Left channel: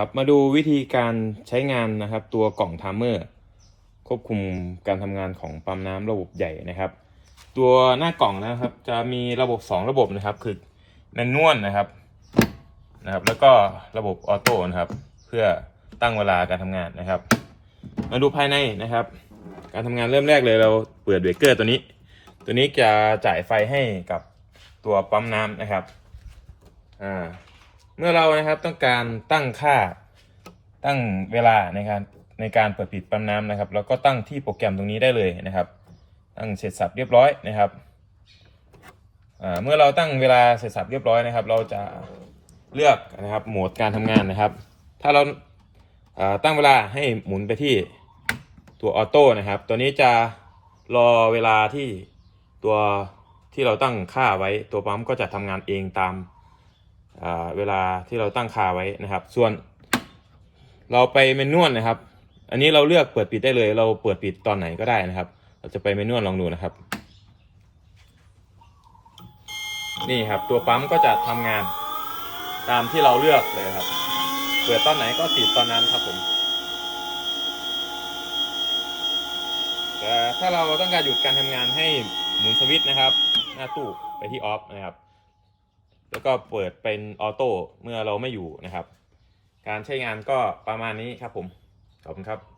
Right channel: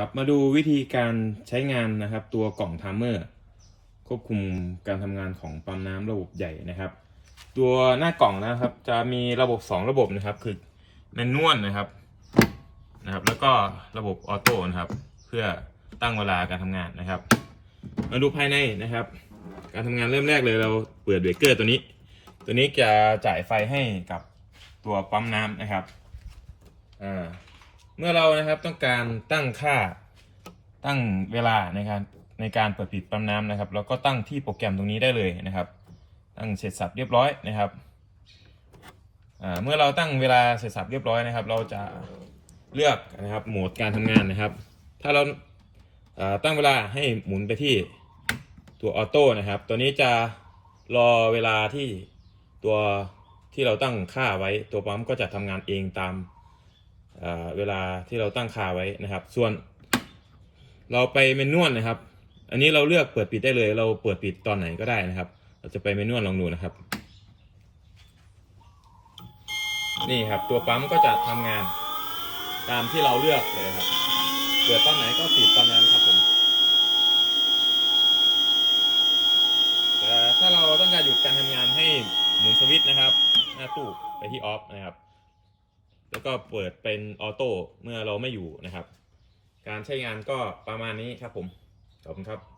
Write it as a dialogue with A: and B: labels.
A: ครับมาดูวิธีการใช้งานนะครับ ตัวกล่องไทม์เมอร์ ควบคุมการทำงานของปั๊มน้ำระบบใหญ่นะครับ ตัวหน้ากล่องนะครับ จะมีระบบ 2 ระบบนะครับ คือแมนนวลนะครับนะครับ แล้วก็ระบบออโต้นะครับ เพื่อตั้งเวลาการทำงานนะครับ มาดูภายในนะครับ การทำงานเริ่มแรกเลยเราเปิดเบรกเกอร์ตัวนี้ ตัวนี้จะจ่ายไฟให้กับตัวปั๊มน้ำนะครับอ่า เมื่อเรานะครับต้องการตั้งค่าตั้งเวลาในการในการเปิดปิดปั๊มน้ำนะครับแล้วก็ตั้งที่โปรแกรมตรงนี้ได้เลยนะครับ ตั้งเสร็จสับเรียบร้อยนะครับเมื่อเราตั้งเวลาเสร็จสับเรียบร้อยนะครับ เราจะเลือกนะครับโหมดการทำงานนะครับ ถ้าเราตั้งเวลาให้หมุนไปที่ตัวออโต้นะครับ ตัวนี้จะรอเวลาที่ตัวที่เราตั้งค่าไว้ตัวปั๊มก็จะทำงานเองตาม เวลาที่เราตั้งคาไว้นะครับ ส่วน เราไปเมนนวลนะครับ อันนี้เราเลือกเปิดปิดได้เลย เราเปิดปิดตอนไหนก็ได้นะครับ เราจะไปเมนนวลลองดูนะครับ นี่ครับ ตัวปั๊มก็จะทำงาน ตามที่เราเลือกเลยครับ เปิดตอนไหนก็ปิดตอนนั้นครับผมแต่ถ้าเราต้องการหยุดการทำงานให้หมุนสวิตช์นะครับ หน้าตู้ไปที่ออฟนะครับ แล้วก็เปิดเป็นออโต้เมื่อเราไม่อยู่นะครับ การใช้งานก็ประมาณนี้ครับผม ขอบคุณครับ